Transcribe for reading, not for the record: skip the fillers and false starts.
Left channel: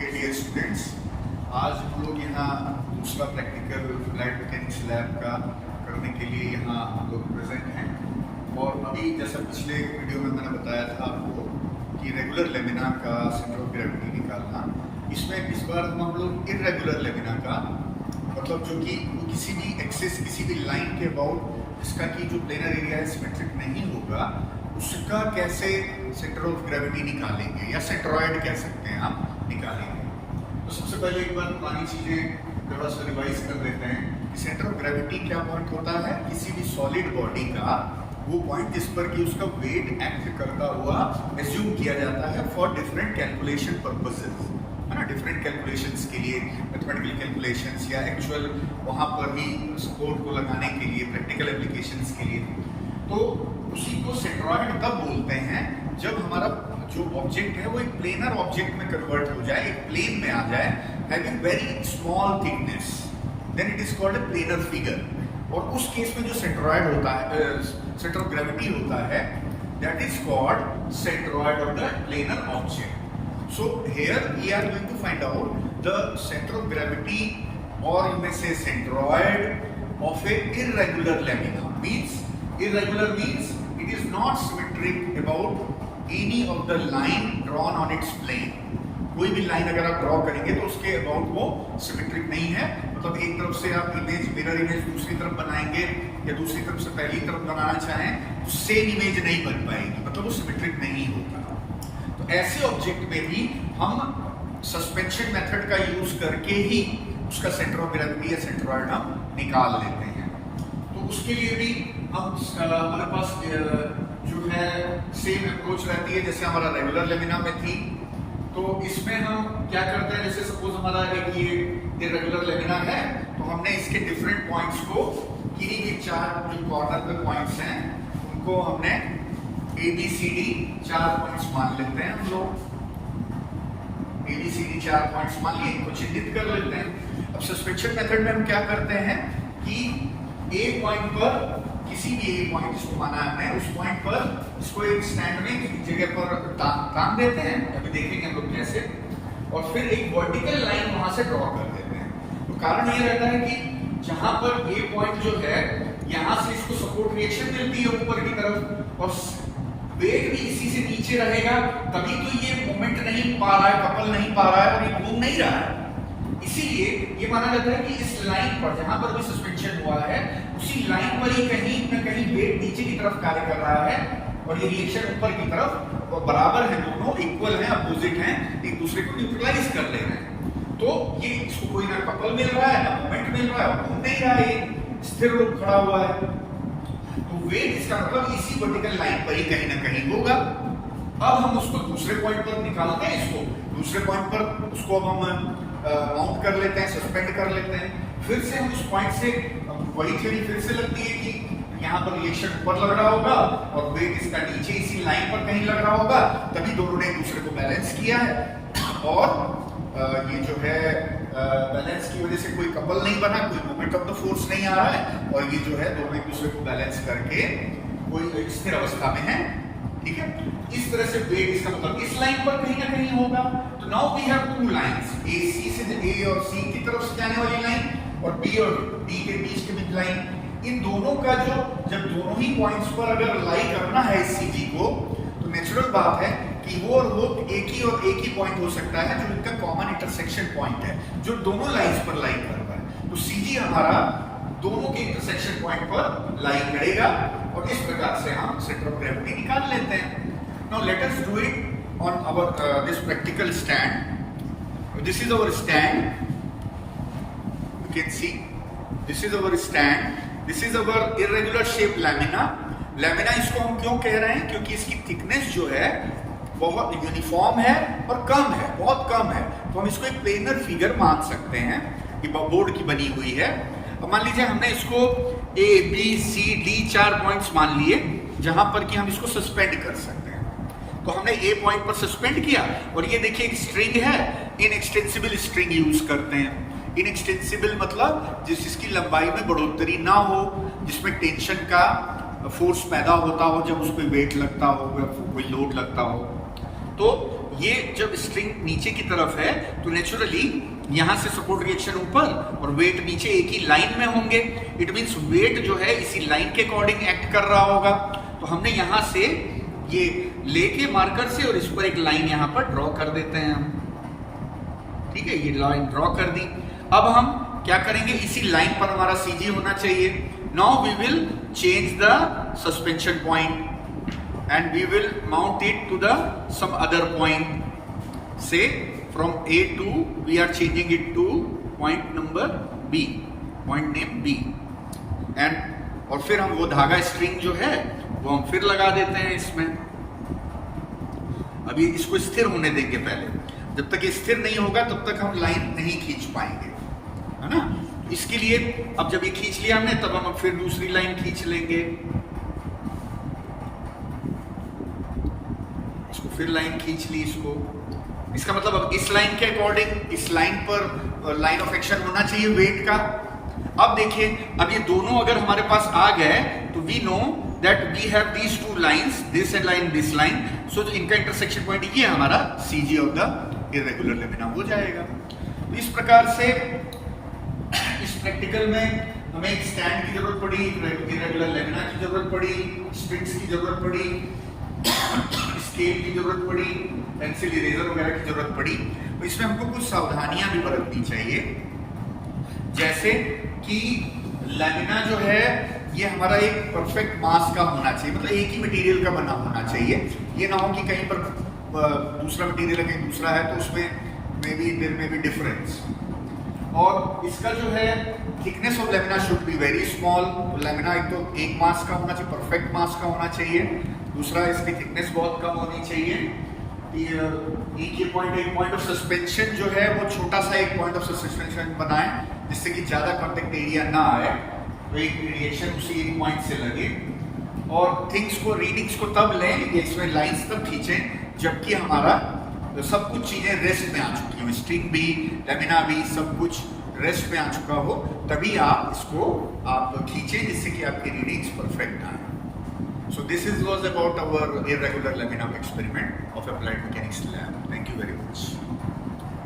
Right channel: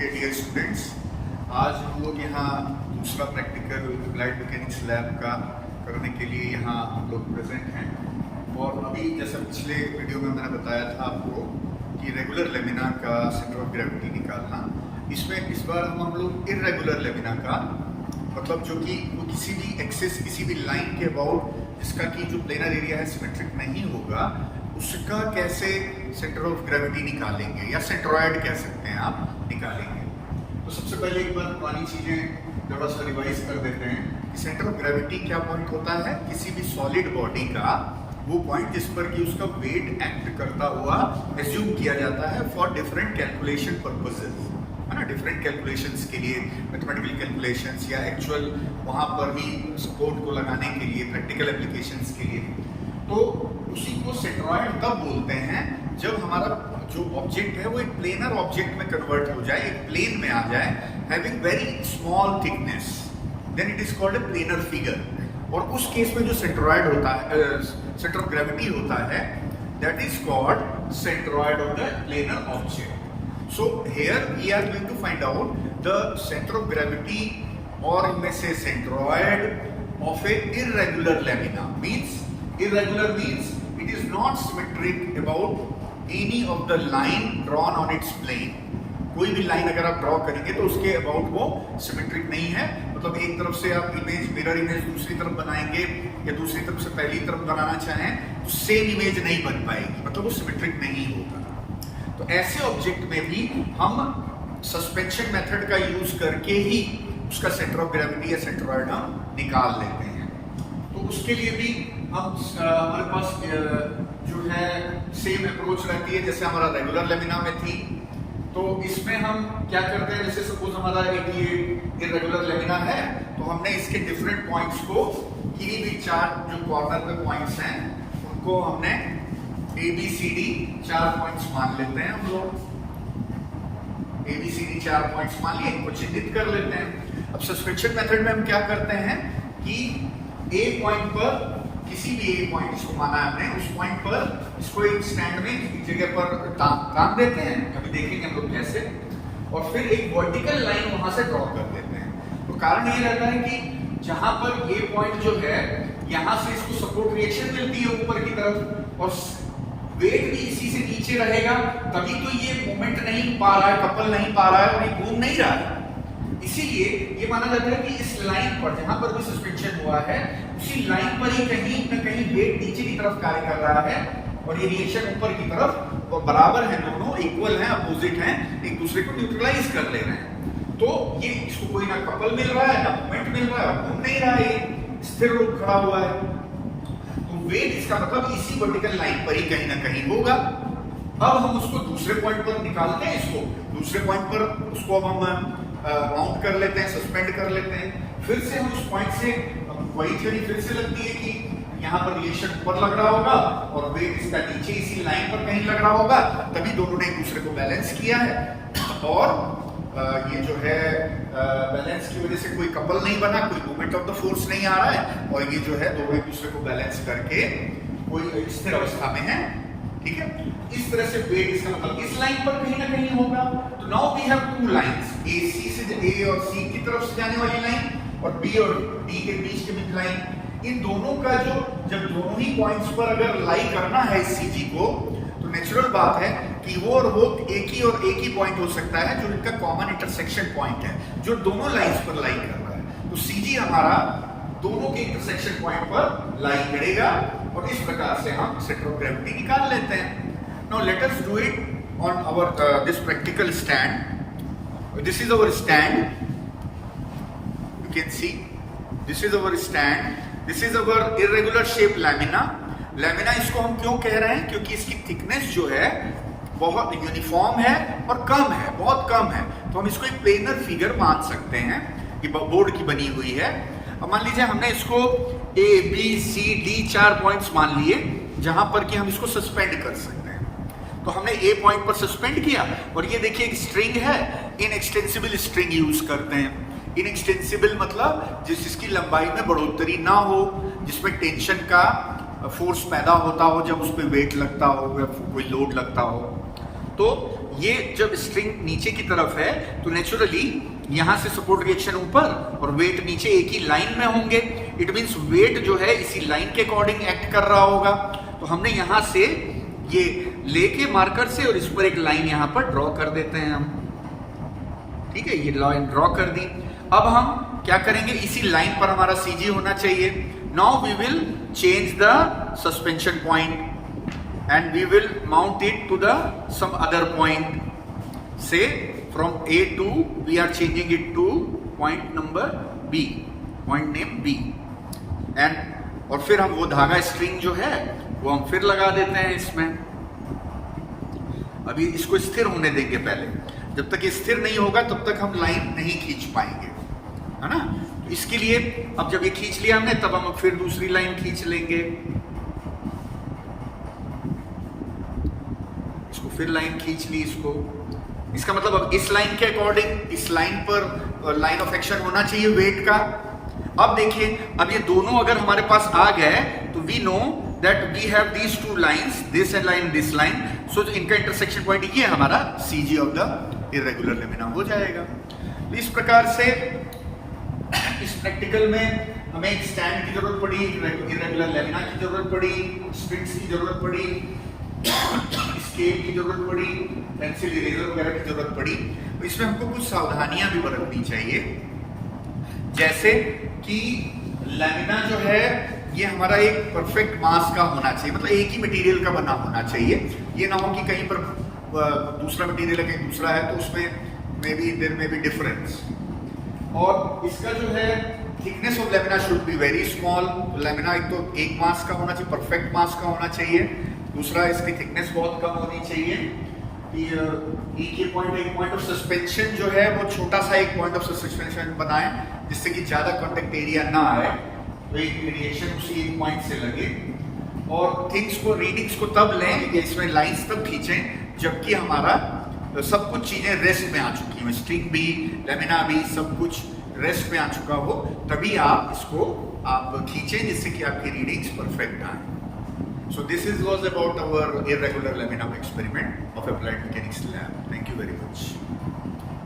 Okay dear students, आज हम लोग यहाँ दूसरा प्रैक्टिकल अप्लाइड मैकेनिक्स लैब का करने के लिए यहाँ हम लोग प्रेजेंट हैं। और अभी जैसा पिछले वीडियो में मैंने बताया था आपको कि रेगुलर लेमिना का सेंटर ऑफ ग्रेविटी निकालना, इसमें इस बार हम लोग इर्रेगुलर लेमिना का मतलब जो कि वो किसी भी एक्सिस किसी भी लाइन के अबाउट जिसका कि जो प्लेनर एरिया है सिमेट्रिक नहीं होगा, उसका कैसे सेंटर ऑफ ग्रेविटी निकालेंगे या सेंट्रॉयड कह सकते हैं आप, निकालेंगे। तो सबसे पहले एक बार पुरानी चीज़ें थोड़ा सा रिवाइज कर देते हैं कि सेंटर ऑफ ग्रेविटी क्या पॉइंट होता है किसी भी सॉलिड बॉडी का, वो पॉइंट जिस पर कि उसका वेट एक्ट करता हुआ एज्यूम किया जाता है फॉर डिफरेंट कैलकुलेशन पर्पसेस, है ना। डिफरेंट कैलकुलेशंस के लिए, मैथमेटिकल कैलकुलेशंस या एक्चुअल वहाँ पर ही सपोर्ट को लगाने के लिए, प्रैक्टिकल एप्लीकेशंस के लिए। तो उसी को सेंट्रॉयड तब बोलते हैं जब हमारा जो ऑब्जेक्ट है वो एक प्लेनर ऑब्जेक्ट में कन्वर्ट हो जाए, एक प्लेन में आ जाए, having very small thickness, then it is called a planar figure. और उस केस में जो सेंट्रॉयड होता है, सेंटर ऑफ ग्रेविटी होता है, that is called centroid of the planar object. So here we are going to find out the center of gravity, or you may say centroid of a irregular lamina. Irregular means it is not symmetric about any of the line drawn on its plane. कोई भी line अगर आप draw करेंगे तो उसके about वो symmetric नहीं है। मतलब एक तरफ से आप इमेज, मिरर इमेज दूसरी तरफ बनाएंगे या दूसरी तरफ से पहली तरफ बनाना चाहें तो सेम इमेज नहीं बन पाएगी, मतलब वो सिमेट्रिक नहीं होगा। तो ऐसे ऑब्जेक्ट में भी हम सस्पेंशन मेथड का यूज करके ही उसका सेंटर ऑफ ग्रेविटी या सेंट्रॉयड हम निकाल लेते हैं। तो उसके लिए भी हम हमारे पास जो है सेम अप्रोच रहती है जैसे हमारा रेगुलर लेमिना में थी। तो इसमें हम क्या करते हैं, जैसे सपोज हमारा एक ये इर्रेगुलर लेमिना है, तो हमने इसके डिफरेंट पॉइंट्स को, किन्हीं भी चार जो कॉर्नर पे पॉइंट्स हैं उनको हमने ABCD 4 पॉइंट्स मान लेते हैं। हम लोग ABCD 4 पॉइंट्स मान लिए, इनको चिन्हित कर लेते हैं। अब सस्पेंशन मेथड में हम क्या करते हैं कि A पॉइंट पर, किसी भी A पॉइंट जिसको माना हमने, उस पॉइंट पर इसको एक स्टैंड में एक जगह पर टांग देते हैं, अभी देखेंगे हम लोग कैसे, और फिर एक वर्टिकल लाइन वहां से ड्रॉ कर देते हैं। तो कारण ये रहता है कि जहां पर A पॉइंट जो है, यहां से इसको सपोर्ट रिएक्शन मिलती है ऊपर की तरफ, और वेट भी इसी से नीचे रहेगा, तभी तो ये मूवमेंट नहीं पा रहा है, कपल नहीं पा रहा है और ये घूम नहीं रहा है। इसीलिए ये माना जाता है कि इस लाइन पर जहां पर भी सस्पेंशन हुआ है, उसी लाइन पर ही कहीं न कहीं वेट नीचे की तरफ कार्य कर रहा है और ये रिएक्शन ऊपर की तरफ, और बराबर है, दोनों इक्वल हैं, अपोजिट हैं, एक दूसरे को न्यूट्रलाइज कर ले रहे हैं। तो ये इसको कोई ना कपल मिल रहा है, ना मूवमेंट मिल रहा है, घूम नहीं रहा है, स्थिर रूप खड़ा हुआ है। तो वेट इसका मतलब इसी वर्टिकल लाइन पर ही कहीं ना कहीं होगा। अब हम उसको दूसरे पॉइंट पर निकालते हैं, इसको दूसरे पॉइंट पर उसको अब हम माउंट कर लेते हैं, सस्पेंड कर लेते हैं। फिर से हम उस पॉइंट से वही थ्योरी फिर से लगती है कि यहाँ पर रिएक्शन ऊपर लग रहा होगा और वेट इसका नीचे इसी लाइन पर कहीं लग रहा होगा, तभी दोनों ने एक दूसरे को बैलेंस किया है। और ये जो है बैलेंस की वजह से कोई कपल नहीं बना, कोई मोमेंट ऑफ द फोर्स नहीं आ रहा है, और ये जो है दोनों एक दूसरे को बैलेंस करके कोई स्थिर अवस्था में है। ठीक है, इस तरह से वेट इसका मतलब इस लाइन पर कहीं ना कहीं होगा। तो now we have two lines, AC से A और C की तरफ से जाने वाली लाइन और B और D के बीच की मिड लाइन। इन दोनों का जो, जब दोनों ही पॉइंट्स पर अगर लाई करना है इस CG को, तो नेचुरल बात है कि वो और वो एक ही पॉइंट हो सकता है जो इनका कॉमन इंटरसेक्शन पॉइंट है, जो दोनों लाइंस पर लाई कर रहा है। तो CG हमारा दोनों के इंटरसेक्शन पॉइंट पर लाई करेगा और इस प्रकार से हम सेंटर ऑफ ग्रेविटी निकाल लेते हैं। Now let us do it on our this practical stand. This is our stand, you can see this is our stand, this is our irregular shape lamina. Lamina इसको हम क्यों कह रहे हैं, क्योंकि इसकी थिकनेस जो है बहुत यूनिफॉर्म है और कम है, बहुत कम है। तो हम इसको एक प्लेनर फिगर मान सकते हैं, ये बोर्ड की बनी हुई है। अब मान लीजिए हमने इसको A, B, C, D 4 points मान लिए जहां पर कि हम इसको सस्पेंड कर सकते हैं। तो हमने A पॉइंट पर सस्पेंड किया, और ये देखिए एक स्ट्रिंग है, इनएक्सटेंसिबल स्ट्रिंग यूज करते हैं। इनएक्सटेंसिबल मतलब जिसकी लंबाई में बढ़ोतरी ना हो, जिसमें टेंशन का फोर्स पैदा होता हो जब उस पर वेट लगता हो या कोई लोड लगता हो। तो ये जब स्ट्रिंग नीचे की तरफ है तो नेचुरली यहां से सपोर्ट रिएक्शन ऊपर और वेट नीचे एक ही लाइन में होंगे। इट मींस वेट जो है इसी लाइन के अकॉर्डिंग एक्ट कर रहा होगा। तो हमने यहां से ये लेके मार्कर से और इस पर एक लाइन यहां पर ड्रॉ कर देते हैं हम। ठीक है, ये लाइन ड्रॉ कर दी। अब हम क्या करेंगे, इसी लाइन पर हमारा सीजी होना चाहिए। Now we will change the suspension point and we will mount it to the some other point. Say from A to we are changing it to point number B, point name B, and और फिर हम वो धागा string जो है वो हम फिर लगा देते हैं इसमें। अभी इसको स्थिर होने देंगे पहले, जब तक ये स्थिर नहीं होगा तब तक हम लाइन नहीं खींच पाएंगे, है ना। इसके लिए अब जब ये खींच लिया हमने तब हम फिर दूसरी लाइन खींच लेंगे, इसको फिर लाइन खींच ली इसको। इसका मतलब अब इस लाइन के अकॉर्डिंग इस लाइन पर लाइन ऑफ एक्शन होना चाहिए वेट का। अब देखिए, अब ये दोनों अगर हमारे पास आ गए तो we know that we have these two lines, this and line this line, so इनका इंटरसेक्शन पॉइंट ये हमारा CG of the irregular lamina हो जाएगा। तो इस प्रकार से इस प्रैक्टिकल में हमें एक स्टैंड की जरूरत पड़ी, इर्रेगुलर लेमिना की जरूरत पड़ी, स्ट्रिंग्स की जरूरत पड़ी, स्केल की जरूरत पड़ी, पेंसिल इरेजर वगैरह की जरूरत पड़ी। तो इसमें हमको कुछ सावधानियां भी बरतनी चाहिए, जैसे कि लेमिना जो है ये हमारा एक परफेक्ट मास का होना चाहिए, मतलब एक ही मटेरियल का बना होना चाहिए। ये ना हो कि कहीं पर दूसरा मटेरियल है कहीं दूसरा है, तो उसमें may be there may be difference. और इसका जो है thickness of lamina should be very small. Lamina एक तो एक मास का होना चाहिए, परफेक्ट मास का होना चाहिए। दूसरा, इसकी थिकनेस बहुत कम होनी चाहिए। एक पॉइंट ऑफ सस्पेंशन जो है वो छोटा सा एक पॉइंट ऑफ सस्पेंशन बनाए, जिससे कि ज्यादा कॉन्टेक्ट एरिया ना आए, तो एक रिएक्शन उसी एक पॉइंट से लगे। और रीडिंग्स को तब लें या इसमें लाइंस तब खींचें जबकि हमारा सब कुछ चीजें रेस्ट में आ चुकी हो, स्ट्रिंग भी, लेमिना भी, सब कुछ रेस्ट में आ चुका हो, तभी आप इसको खींचें जिससे कि आपकी रीडिंग्स परफेक्ट आए। So this was about our irregular lamina experiment of applied mechanics lab. Thank you very much.